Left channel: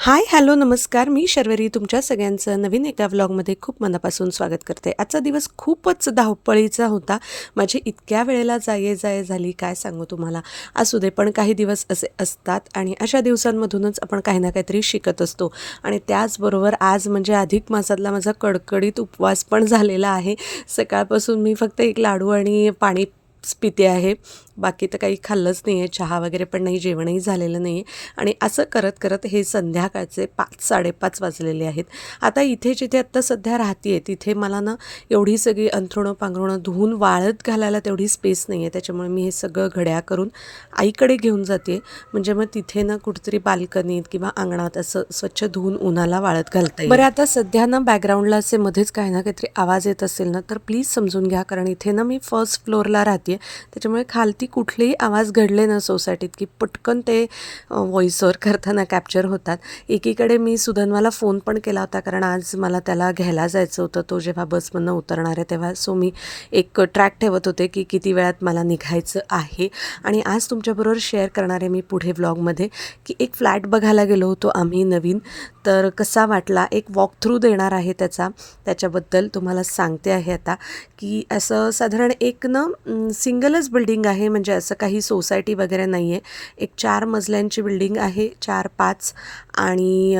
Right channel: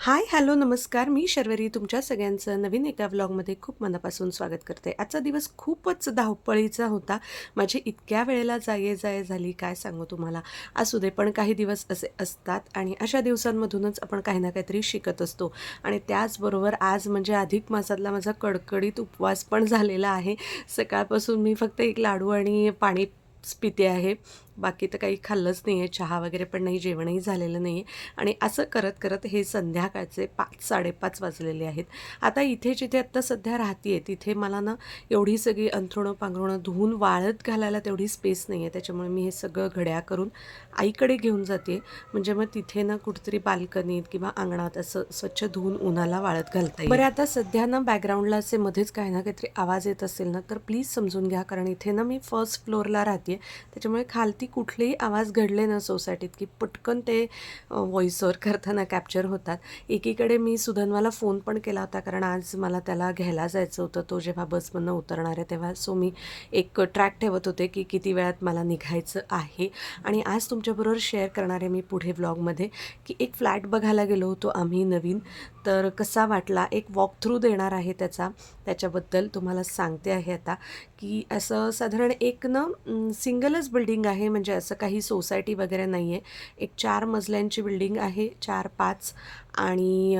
हाय, hello, नमस्कार. मी शर्वरी तुमच्या सगळ्यांचं नवीन एका व्लॉगमध्ये खूप मनापासून स्वागत करते. आजचा दिवस खूपच धावपळीचा होता. माझी इतक्या वेळेला जाये झाली काय सांगू तुम्हाला. असू दे, पण काही दिवस असे असतात आणि अशा दिवसांमधूनच आपण काही ना काहीतरी शिकत असतो. आणि त्याचबरोबर आज म्हणजे अधिक मासातला माझा कडकडीत उपवास पण झालेला आहे. सकाळपासून मी फक्त एक लाडू आणि पाणी पिते आहे. बाकी तर काही खाल्लंच नाही आहे. चहा वगैरे पण नाही, जेवणही झालेलं नाही आहे. आणि असं करत करत हे संध्याकाळचे 5:00-5:30 वाजलेले आहेत. आता इथे जिथे आत्ता सध्या राहते आहे तिथे मला ना एवढी सगळी अंथरुणं पांघरुणं धुवून वाळत घालायला तेवढी स्पेस नाही आहे. त्याच्यामुळे मी हे सगळं घड्या करून आईकडे घेऊन जाते. म्हणजे मग तिथे ना कुठेतरी बाल्कनीत किंवा अंगणात असं स्वच्छ धुवून उन्हाला वाळत घालता येईल. बरं, आता सध्या ना बॅकग्राऊंडला असे मध्येच काही ना काहीतरी आवाज येत असेल ना तर प्लीज समजून घ्या, कारण इथे ना मी फर्स्ट फ्लोअरला राहते. त्याच्यामुळे खालती कुठलेही आवाज घडले ना सोसायटीत की पटकन ते व्हॉइसवर करताना कॅप्चर होतात. एकीकडे मी सुधन्वाला फोन पण केला होता, कारण आज मला त्याला घ्यायला जायचं होतं. तो जेव्हा बसमधनं उतरणार आहे तेव्हा मी एक ट्रॅक ठेवत होते की किती वेळात मला निघायचं आहे. आणि आज तुमच्याबरोबर शेअर करणार आहे मी पुढे व्लॉगमध्ये की एक फ्लॅट बघायला गेलो होतो आम्ही नवीन. तर कसा वाटला, एक वॉक थ्रू देणार आहे त्याच्याबद्दल तुम्हाला सांगते आहे आता. की असं साधारण एक ना सिंगलच बिल्डिंग आहे, म्हणजे असं काही सोसायटी वगैरे नाही आहे. एक 4 मजल्यांची बिल्डिंग आहे, 4-5. आणि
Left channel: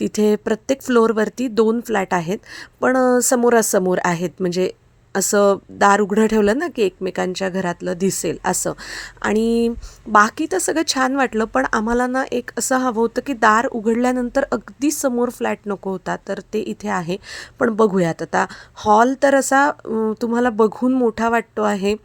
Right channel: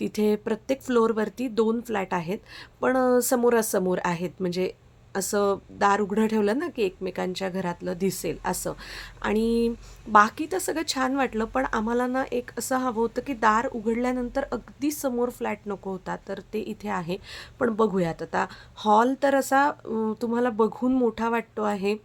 तिथे प्रत्येक फ्लोअरवरती 2 फ्लॅट आहेत. पण समोरासमोर आहेत, म्हणजे असं दार उघडं ठेवलं ना की एकमेकांच्या घरातलं दिसेल असं. आणि बाकी तर सगळं छान वाटलं, पण आम्हाला ना एक असं हवं होतं की दार उघडल्यानंतर अगदी समोर फ्लॅट नको होता, तर ते इथे आहे. पण बघूयात आता. हॉल तर असा तुम्हाला बघून मोठा वाटतो आहे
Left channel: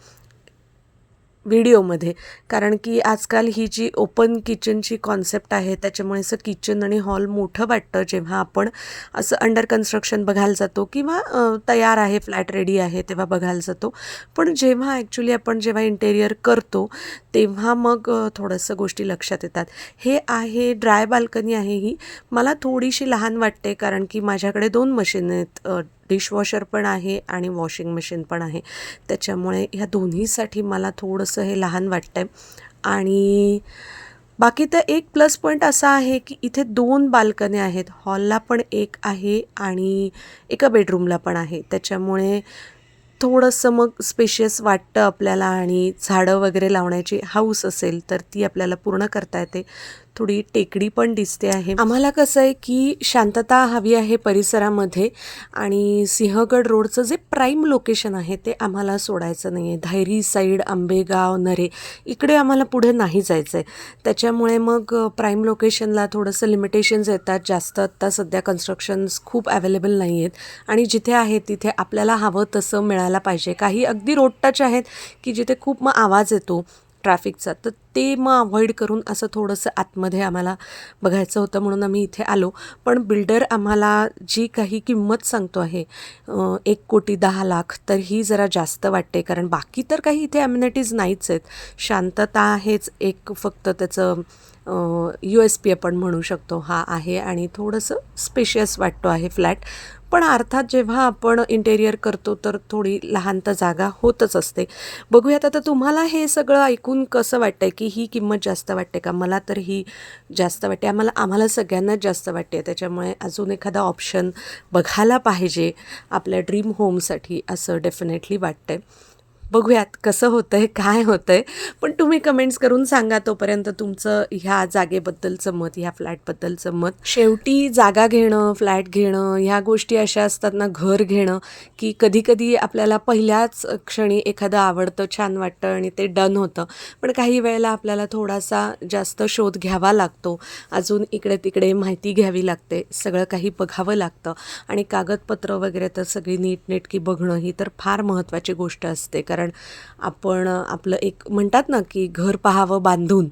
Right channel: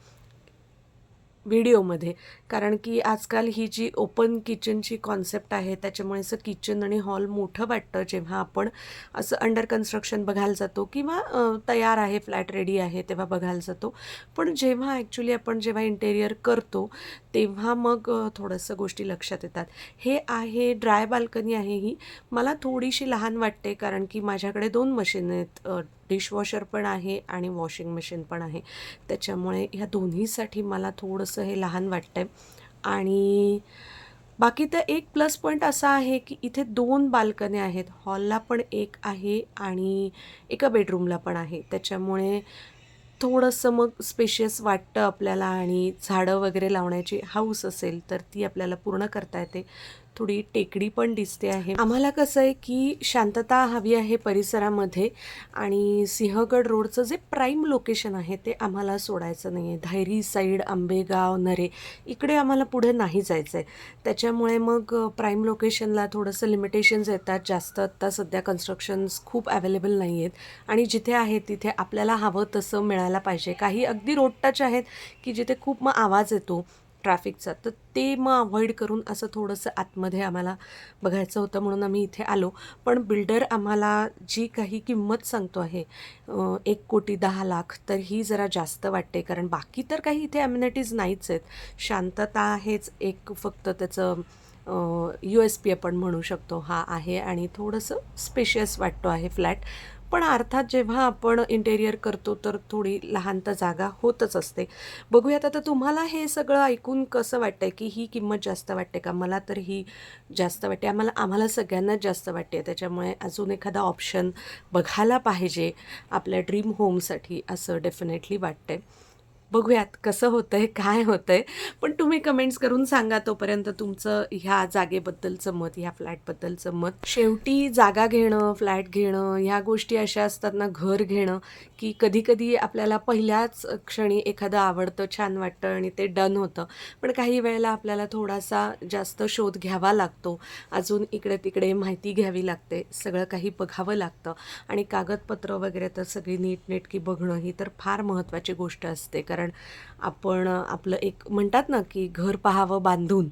व्हिडिओमध्ये, कारण की आजकाल ही जी ओपन किचनची कॉन्सेप्ट आहे त्याच्यामुळे असं किचन आणि हॉल मोठं वाटतं जेव्हा आपण असं अंडर कन्स्ट्रक्शन बघायला जातो किंवा तयार आहे, फ्लॅट रेडी आहे तेव्हा बघायला जातो. पण जेव्हा ॲक्च्युली आपण जेव्हा इंटेरियर करतो तेव्हा मग थोडंसं गोष्टी लक्षात येतात. हे आहे ड्राय बाल्कनी आहे ही. मला थोडीशी लहान वाटते, कारण की माझ्याकडे 2 मशीन आहेत. डिशवॉशर पण आहे आणि वॉशिंग मशीन पण आहे. त्याच्यामुळे ह्या दोन्हीसाठी मला थोडंसं हे लहान वाटतं आहे. आणि बाकी तर एक प्लस पॉईंट असा आहे की इथे 2 बाल्कन्या आहेत. हॉलला पण एक आहे आणि एका बेडरूमला पण आहे. त्याच्यामुळे थोडंसं मग स्पेशियस वाटतं आपल्याला. आणि झाडं वगैरे लावण्याची हौस असेल तर ती आपल्याला पूर्ण करता येते. थोडी टेकडी पण दिसते आहे. आम्हाला कसं आहे की शांतता हवी आहे परिसरामध्ये. आणि सिंहगड रोडचं जे प्राईम लोकेशन आहे ते आम्हाला सोडायचं नाही आहे. धायरी साईड, आंबेगाव, नरे इकडे आम्हाला पुढे नाही जायचं आहे. त्याच्यामुळे मग प्राईम लोकेशनला थोडंसं लिमिटेशन्स येतात. जास्त आत्ता सध्या कन्स्ट्रक्शन्स खूप अवेलेबल नाही आहेत. आणि जिथे आहे तिथे आपल्याला हवं तसं मिळायला पाहिजे. काही अगदी रोड टच आहेत की जिथे खूप मग आवाज येतो ट्रॅफिकचा, तर ते मग अव्हॉइड करून असं थोडंसं आतमध्ये आम्हाला बघायचं होतं, म्हणून आम्ही इथे आलो. पण बिल्डर आम्हाला जी काही किंमत सांगतो आहे 1,10,00,000, तर ही जरा जास्त वाटते, कारण बाकी तर काही इथे ॲम्युनिटीज नाहीच आहेत. शांतता आहेच एक फक्त त्याचं USP आपण म्हणू शकतो हा आहे. आणि थोडंसं स्पेशियस वाटतो आहे फ्लॅट. पण अर्थात जेव्हा आपण इंटेरियर करतो तर थोडी लहान तर जागा होतच असते. बघूयात आता तुम्हाला हे सगळं ऐकून कसं वाटतंय, की ही किंमत जास्त वाटते का? मला तर ही जास्त वाटते. आम्हाला सगळ्यांनाच जास्त वाटते. त्याच्यामुळे अजून एखादा ऑप्शन बघायला पाहिजे आपल्या ड्रीम होमसाठी, असं डेफिनेटली वाटतंय. बघूयात कसं होतंय, काय होतंय. पण तुम्ही कमेंट्स करून सांगा तोपर्यंत तुमचं ह्या जागेबद्दलचं मत, ह्या फ्लॅटबद्दलचं मत. शेवटी जागा घेणं, फ्लॅट घेणं ह्या गोष्टी अशा असतात ना, घर घेणं, की कधी-कधी आपल्याला पहिल्याच क्षणी एखादं आवडतं, छान वाटतं आणि ते डन होतं. पण काही वेळेला आपल्याला थोडासा जास्त शोध घ्यावा लागतो. अजून इकडे-तिकडे माहिती घ्यावी लागते. सगळं काही बघावं लागतं. आणि कागदपत्र वगैरे तर सगळी नीटनेटकी बघणं ही तर फार महत्त्वाची गोष्ट असते. कारण आपण आपलं एक म्हणतात ना की घर पाहावं बांधून,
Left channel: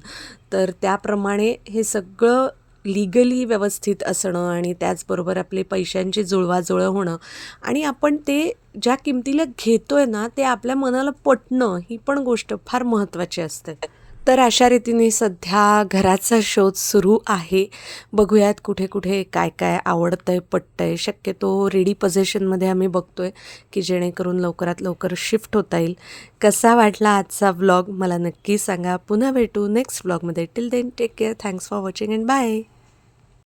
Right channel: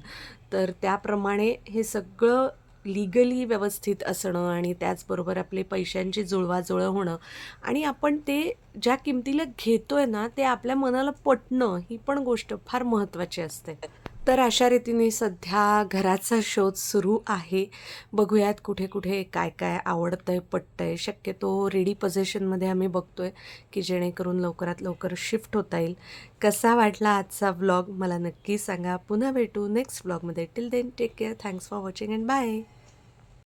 तर त्याप्रमाणे हे सगळं लीगली व्यवस्थित असणं आणि त्याचबरोबर आपले पैशांची जुळवाजुळव होणं आणि आपण ते ज्या किमतीला घेतोय ना ते आपल्या मनाला पटणं, ही पण गोष्ट फार महत्त्वाची असते. तर अशा रीतीने सध्या घराचा शोध सुरू आहे. बघूयात कुठे कुठे काय काय आवडतंय, पटतंय. शक्यतो रेडी पोझिशनमध्ये आम्ही बघतोय की जेणेकरून लवकरात लवकर शिफ्ट होता येईल. कसा वाटला आजचा व्लॉग मला नक्की सांगा. पुन्हा भेटू नेक्स्ट व्लॉगमध्ये. Till then take care. Thanks for watching and bye.